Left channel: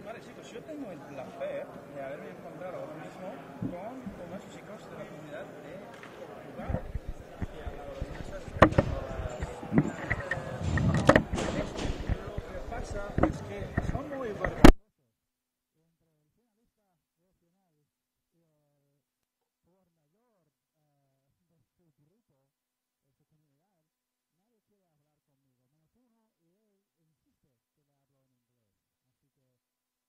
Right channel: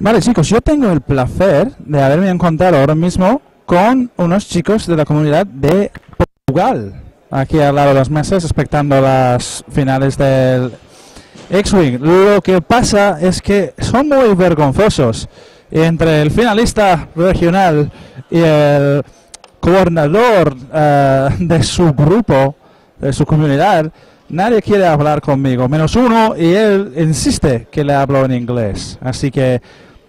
Vale, chicos, yo tengo el placer de haberme encontrado ahora mismo con unos chicos de la comunidad de Portugal, aquí al lado de las mesas, expectando las finales del X-Wing. Lo que pasa es que son muy vergonzosos. Entre el finalista regional y el coordinador de su grupo, de su comunidad, nadie quiere hablar conmigo, menos uno, y él insiste que le hablo en inglés. Así que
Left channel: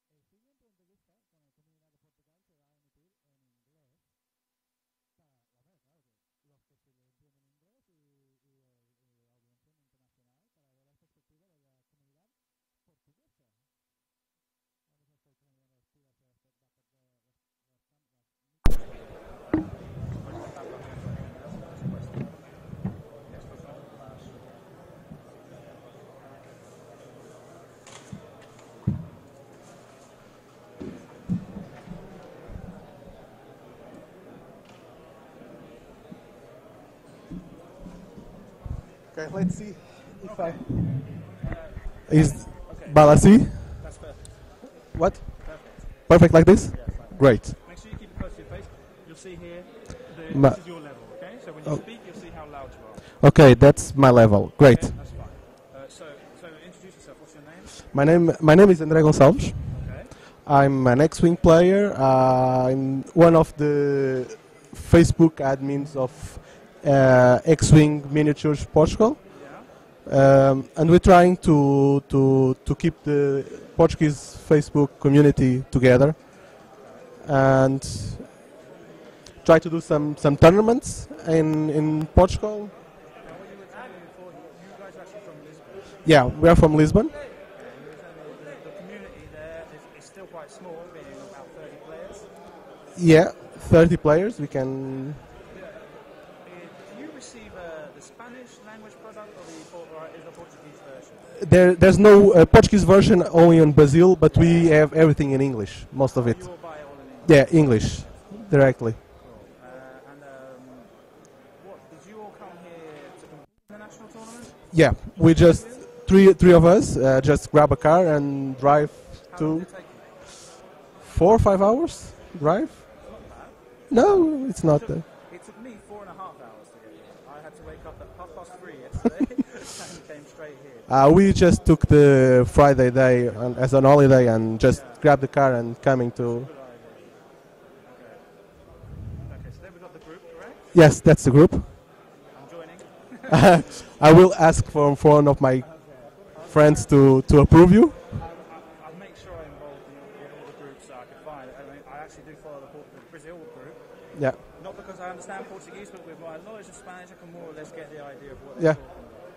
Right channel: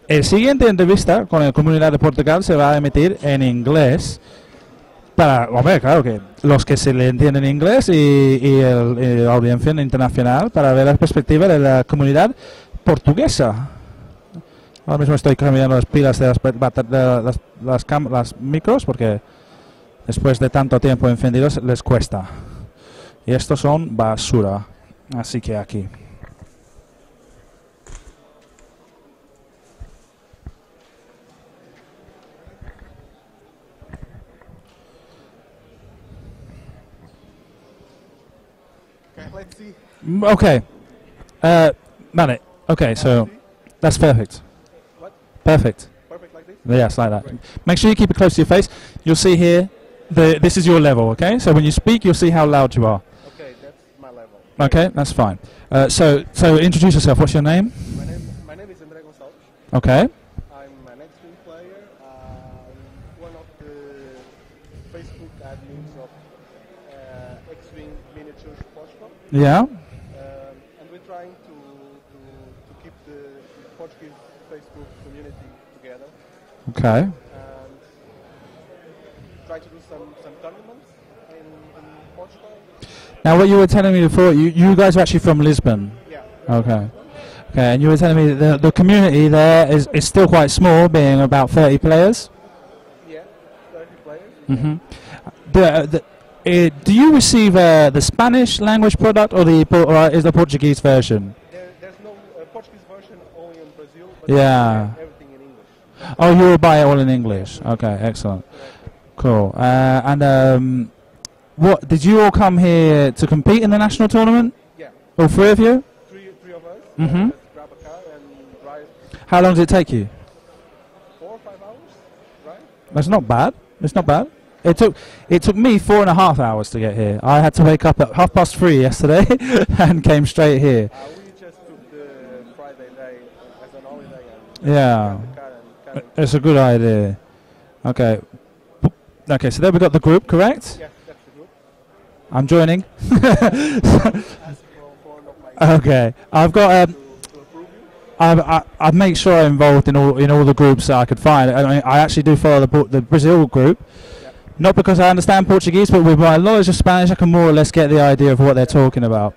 el siguiente entrevista con la comunidad de Portugal se va a emitir en inglés. Para, hombre, claro que los que se le entienden inglés y la audiencia internacional, para ver la perspectiva de la comunidad portuguesa. Ahora mismo estoy cambiando las pilas de las micros porque después de tanto tiempo encendidos les cuesta. Y estos son basura. Así que aquí. Okay, let's see. Okay. Vale. Okay, so that's perfect. What? Perfect. Perfect like this? Yes, like that. Great. Make sure you keep it close to your face. You'll see here, this is your level, okay? So when you speak, you'll see how loud you are. Okay, that's my level. Great. Okay, that's fine. So introduce yourself. What's your name? My name is André Gonçalves. Okay. I'm an X-Wing player. I'm one of the Facebook admins of X-Wing Miniatures Portugal. Yeah. And we're trying to keep the Portuguese Facebook community together. Okay. And try to do some tournaments in Portugal. Now, what you were telling me before, you guys are actually from Lisbon. Yeah, we are from Lisbon. Okay, and you were telling me the community there is still quite small, being about 30 players. Yeah, 30 players. We can. Do you receive the Spanish language product or is the Portuguese version? There's no Portuguese version, only in Brazil, but we have everything in English. Most of it. You will buy it all in English? Yeah, English. Okay, excellent. Directly. Cool. What did you all come here to compete in the national tournament? Yeah. All three of you? Three of us. Just grab a car and drive. How long does it take you? 4 or 5 hours drive. That's not bad. It's not bad. It's not it took me 4.5 hours to get here. I had to wake up at 3:30 yesterday and came straight here. We just took the Friday day as an holiday and just grabbed the car and coming. It's a good idea. Okay. Okay, so there we got the group, correct? Yes, that's the group. I'm joining. I will ask for one of my I've got to approve you. I make sure I'm involved in all the groups that I could find. I actually do follow the Brazil group. Yeah. Not because I understand Portuguese, but with my knowledge of Spanish, I can more or less get the idea of what they're talking about.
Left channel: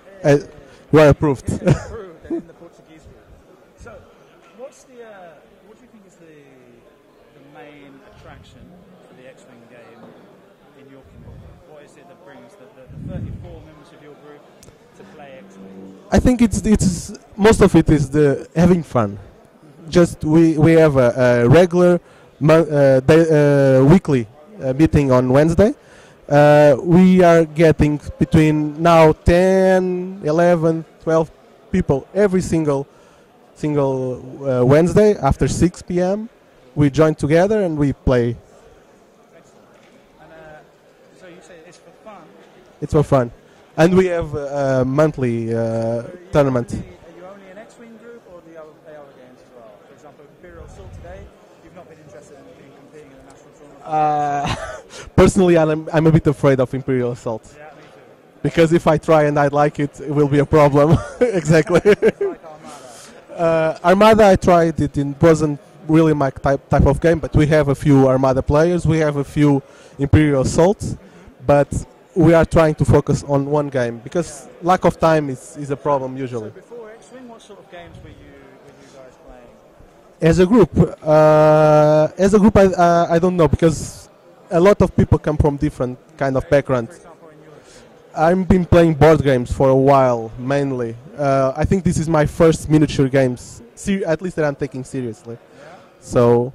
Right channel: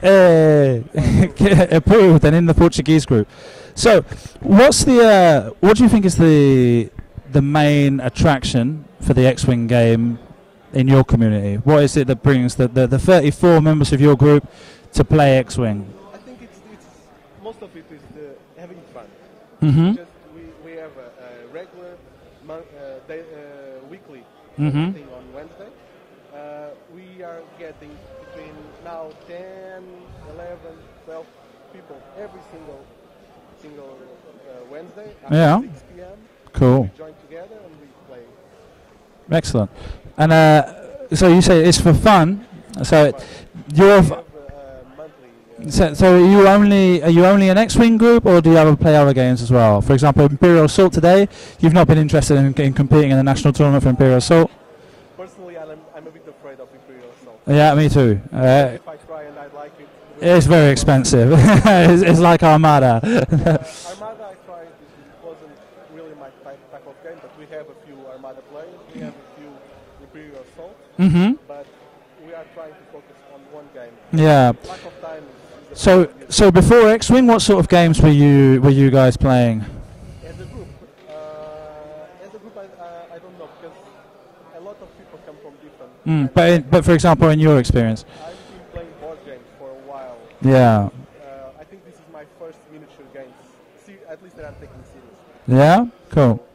We're approved. Approved, and in the Portuguese group. So, what do you think is the main attraction for the X-Wing game in your community? What is it that brings the 34 members of your group to play X-Wing? I think it's most of it is the having fun. Just we have a regular weekly meeting on Wednesday. We are getting between now 10, 11, 12 people every single Wednesday after 6 p.m. Cool. We join together and we play. Excellent. And so you say it's for fun. It's for fun. And we have monthly. So are you only an X-Wing group, or do you ever play other games as well? For example, Imperial Assault today. You've not been interested in competing in the national tournament for Imperial Assault. Personally, I'm a bit afraid of Imperial Assault. Yeah, me too. Because if I try and I like it, it will be a it's very expensive. It's like Armada. Armada, I tried it. It wasn't really my type of game, but we have a few Armada players. We have a few Imperial Assaults, but we are trying to focus on one game because lack of time is a problem usually. So before X-Wing, what sort of games were you guys playing? As a group, I don't know, because a lot of people come from different kind of backgrounds. But for example, in your experience, I've been playing board games for a while mainly. I think this is my first miniature games, at least that I'm taking seriously. Yeah. So.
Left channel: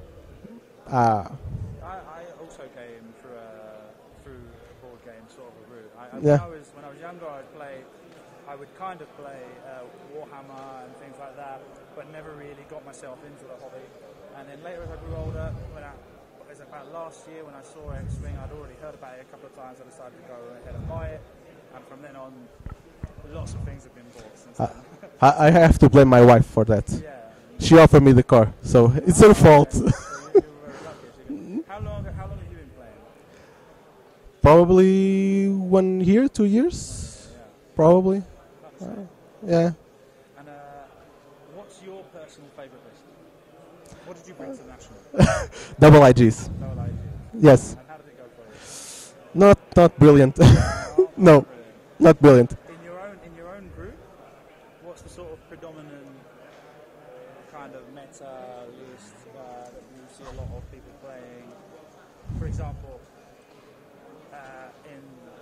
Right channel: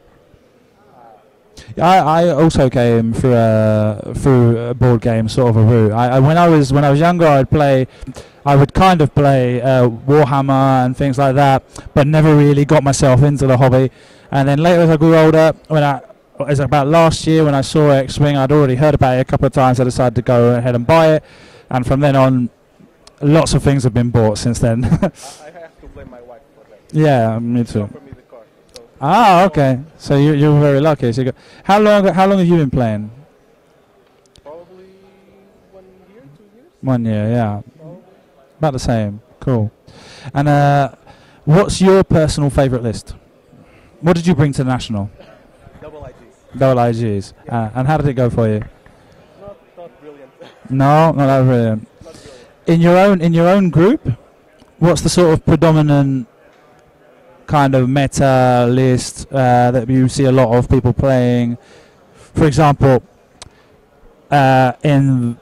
I also came through a board game sort of a route. When I was younger, I would kind of play Warhammer and things like that, but never really got myself into the hobby. And then later as I grew older, as about last year when I saw X-Wing, I'd already heard about it a couple of times. I decided to go ahead and buy it, and from then on, lots of things have been bought since then. I have to blame my wife for that. Yeah, she offered me the car, so it's okay. fault. So you're very lucky. So how long have you been playing? Probably 1 year, 2 years. 1 year, yeah. Probably. About the same. Cool. Yeah. And what's your personal favourite list? What did you bring to the National? Double IGs. Double IGs. Yes. And how did it go for you? Not brilliant. No, not brilliant. Not brilliant. In your own group, what's the sort of predominant kind of meta list that you see a lot of people playing? For example, in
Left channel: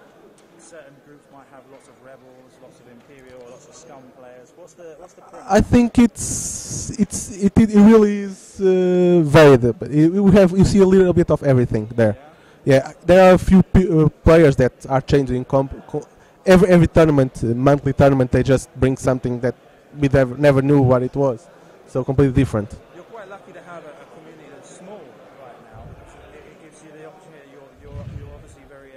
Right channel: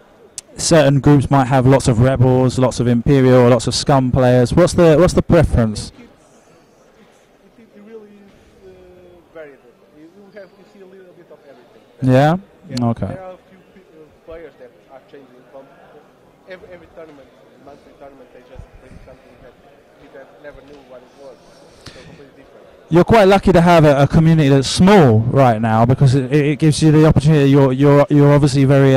certain groups might have lots of rebels, lots of imperial, lots of scum players. What's the preference? I think it really is varied. But you see a little bit of everything there. Yeah. Yeah. Okay. There are a few players that are changing. Every tournament, monthly tournament, they just bring something that we never knew what it was. So completely different. You're quite lucky to have a community that's small right now, because it gives you the opportunity. You're obviously very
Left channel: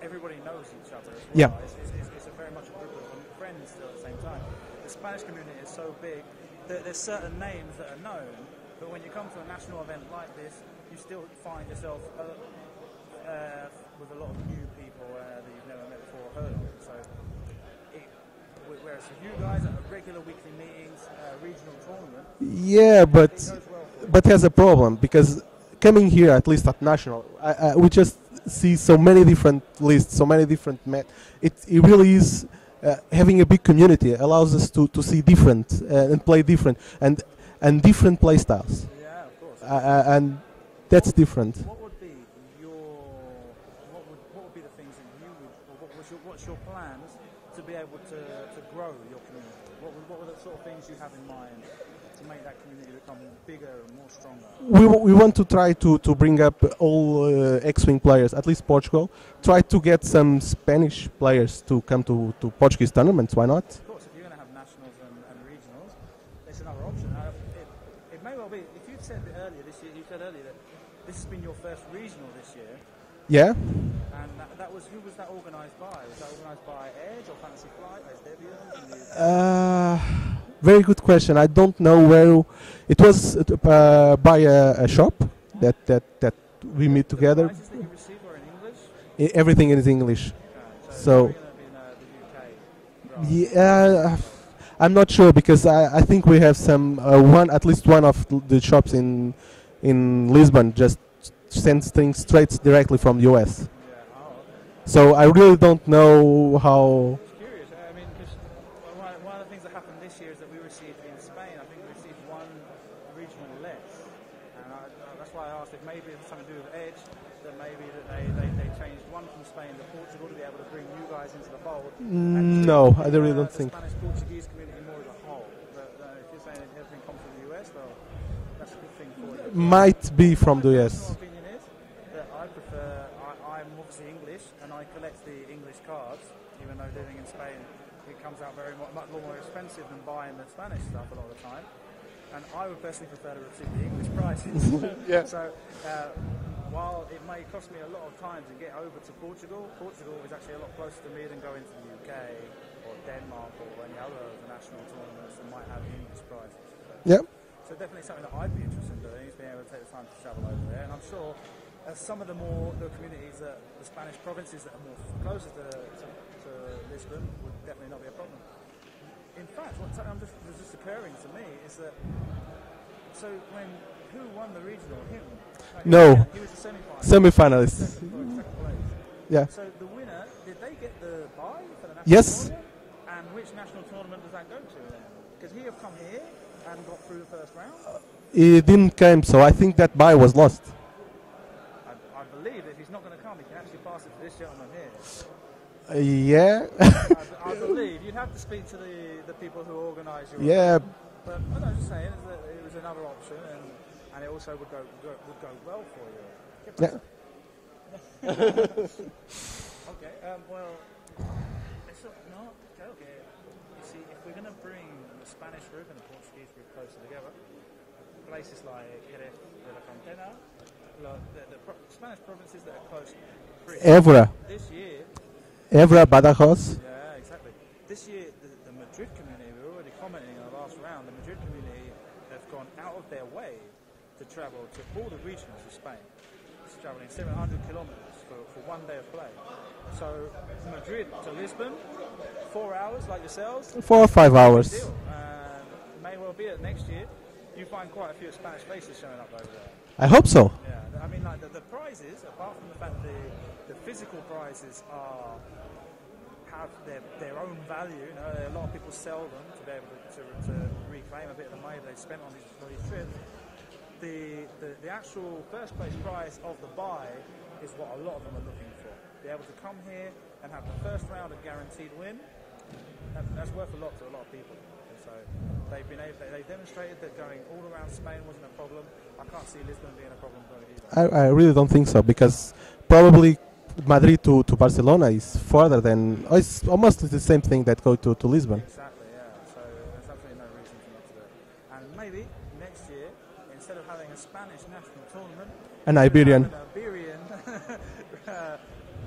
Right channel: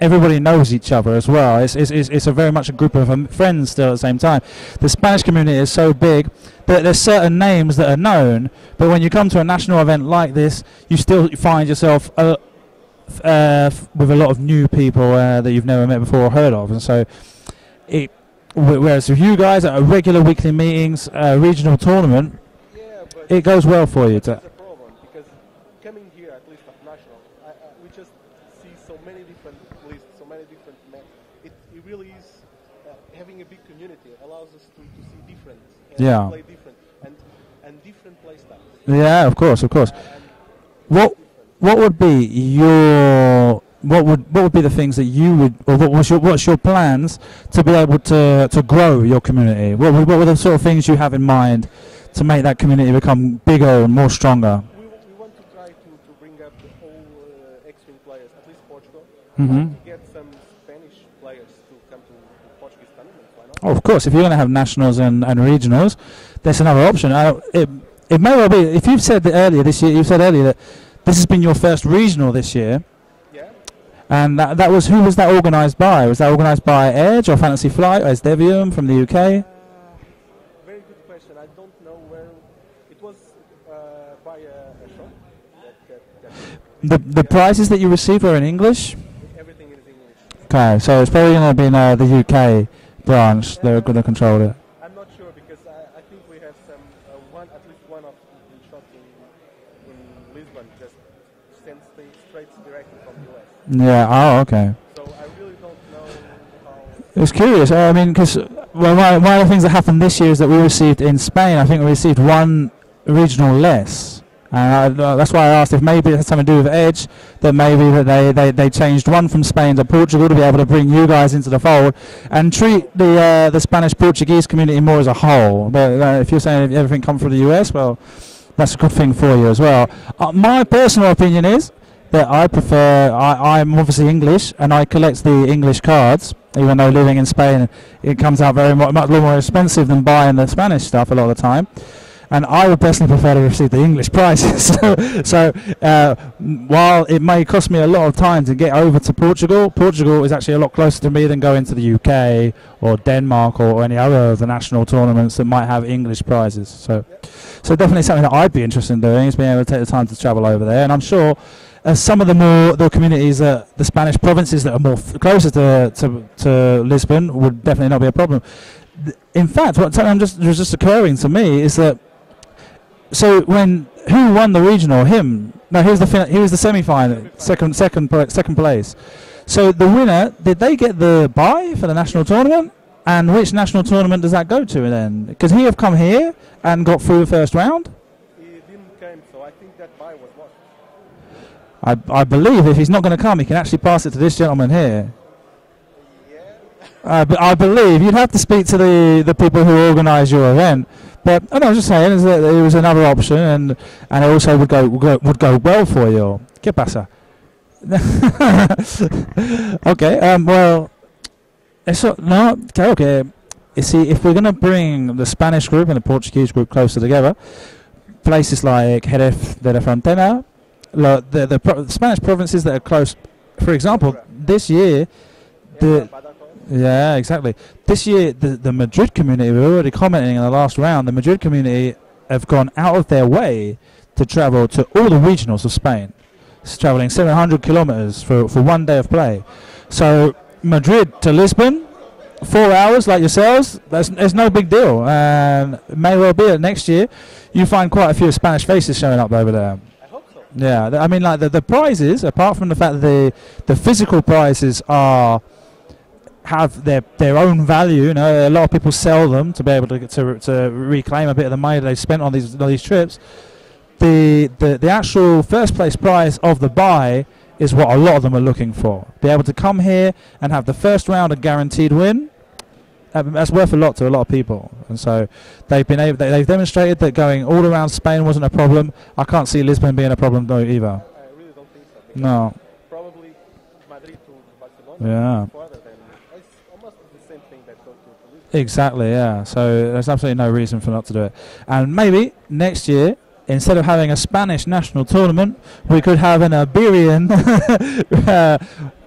everybody knows each other as well. Yeah. It's a very much a group of friends still at the same time. The Spanish community is so big that there's certain names that are known, but when you come to a national event like this, you still find yourself with a lot of new people that you've never met before or heard of, and so whereas with you guys at regular weekly meetings, regional tournament, yeah, but it goes well for you. But there's a problem, because coming here, at least at national, we just see so many different lists, so many different it really is having a big community allows us to see different and play different and different play styles. Yeah, of course. And that's different. What would be what would be the things that you would, or what's your plans to be able to grow your community? What were the sort of things you have in mind to make that community become bigger and more stronger? We want to try to bring up all X-Wing players, at least Portugal. Mm-hmm. Try to get some Spanish players to come to Portuguese tournaments. Why not? Oh, of course, if you're going to have nationals and regionals, that's another option. It may well be. If you've said that earlier this year, you said earlier that this has been your first regional this year. Yeah. And that was, who was that organised by? Was that organised by Edge or Fantasy Flight or Esdevium from the UK? Very good question. I don't know where it was by a shop that we made the prizes that you received were in English? Everything is English. Okay, so it's probably going to be the UK branch that could have controlled it. I'm not sure, because I think we have some at least one of the shops in Lisbon just sends things straight directly from the US. Yeah. Oh, okay. So I really don't know how. It was curious. I mean, because one of the things that happened this year is that we received in Spain, I think we received one regional less, and that's why I asked if maybe it has something to do with Edge, that maybe that they changed one from Spain to Portugal to be able to bring you guys into the fold and treat the Spanish-Portuguese community more as a whole. But if you're saying everything comes from the US, well, that's a good thing for you as well. My personal opinion is that I prefer, I'm obviously English, and I collect the English cards, even though living in Spain, it comes out much more expensive than buying the Spanish stuff a lot of the time. And I would personally prefer to receive the English prizes. So while it may cost me a lot of time to get over to Portugal, Portugal is actually a lot closer to me than going to the UK or Denmark or any other of the national tournaments that might have English prizes. So, so definitely something that I'd be interested in doing is being able to take the time to travel over there. And I'm sure some of the communities, the Spanish provinces that are more closer to Lisbon would definitely not be a problem. In fact, what was just occurring to me is that, so who won the regional? Him? No, he was the semi-final. Second place. Yeah. So the winner, did they get the bye for the national tournament? And which national tournament does that go to then? Because he have come here and got through the first round? He didn't come, so I think that bye was lost. I believe if he's not going to come, he can actually pass it to this gentleman here. Yeah. I believe you'd have to speak to the people who organise your event. But I was just saying is that it was another option, and it also would go well for you. ¿Qué pasa? Okay. Well, Eso, no, claro que, see, if we're going to bring the Spanish group and the Portuguese group closer together, places like Jerez de la Frontera, the Spanish provinces that are close, for example, Évora. this year, Évora, Badajoz. yeah, exactly. This year, the Madrid community, we were already commenting in the last round, the Madrid community have gone out of their way to travel to all the regionals of Spain. It's traveling 700 kilometers for 1 day of play. So Madrid to Lisbon, 4 hours like yourselves, 4 or 5 it's no big hours. deal. And it may well be that next year you find quite a few Spanish faces showing up over there. I hope so. Yeah, I mean, like the prizes, apart from the fact that the physical prizes have their own value. You know, a lot of people sell them to be able to reclaim a bit of the money they spent on these trips. The actual first place prize of the buy is what a lot of them are looking for. Be able to come here and have the first round a guaranteed win. That's worth a lot to a lot of people, and so they've demonstrated that going all around Spain wasn't a problem. I can't see Lisbon being a problem though either. I really don't think so, because probably Madrid to Barcelona is further than, it's almost the same thing that go to Lisbon. Exactly, yeah. So there's absolutely no reason for not to do it. And maybe next year, instead of having a Spanish national tournament, we could have an Iberian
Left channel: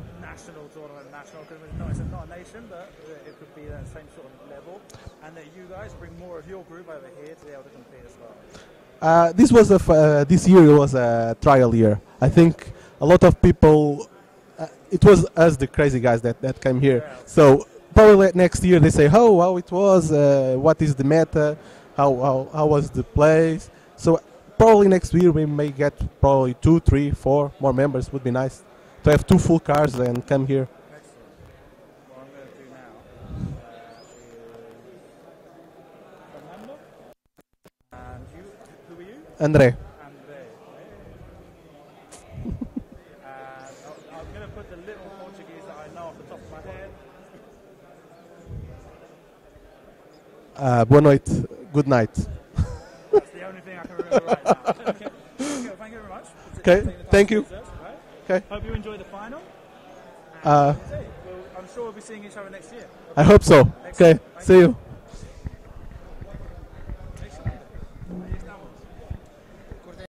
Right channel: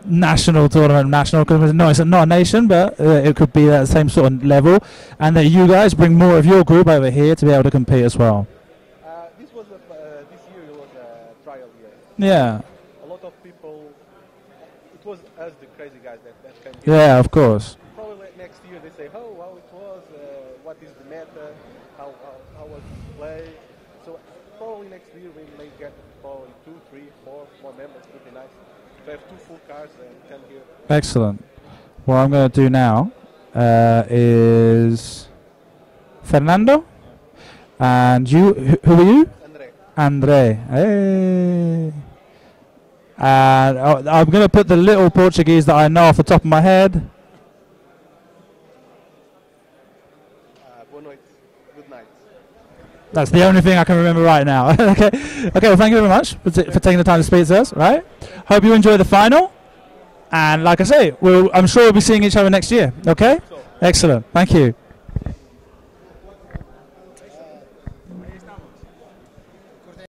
national tournament. Because no, it's not a nation, but it could be that same sort of level. And that you guys bring more of your group over here to be able to compete as well. This year was a trial year. I think a lot of people. It was us, the crazy guys, that came here. Yeah, of course. So probably next year they say, how it was, what is the meta, how was the place. So probably next year we may get probably 2, 3, 4 more members. Would be nice to have 2 full cars and come here. Excellent. What I'm going to do now is Fernando, and you. Who are you? Andre. Hey. And I'm going to put the little Portuguese that I know off the top of my head. Boa noite. Good night. That's the only thing I can remember right now. Okay. Well, thank you very much for taking the time to speak to us. Right. Okay. Hope you enjoy the final. And like I say, I'm sure we'll be seeing each other next year. Okay. I hope so. Excellent. Okay. Thank See you. you.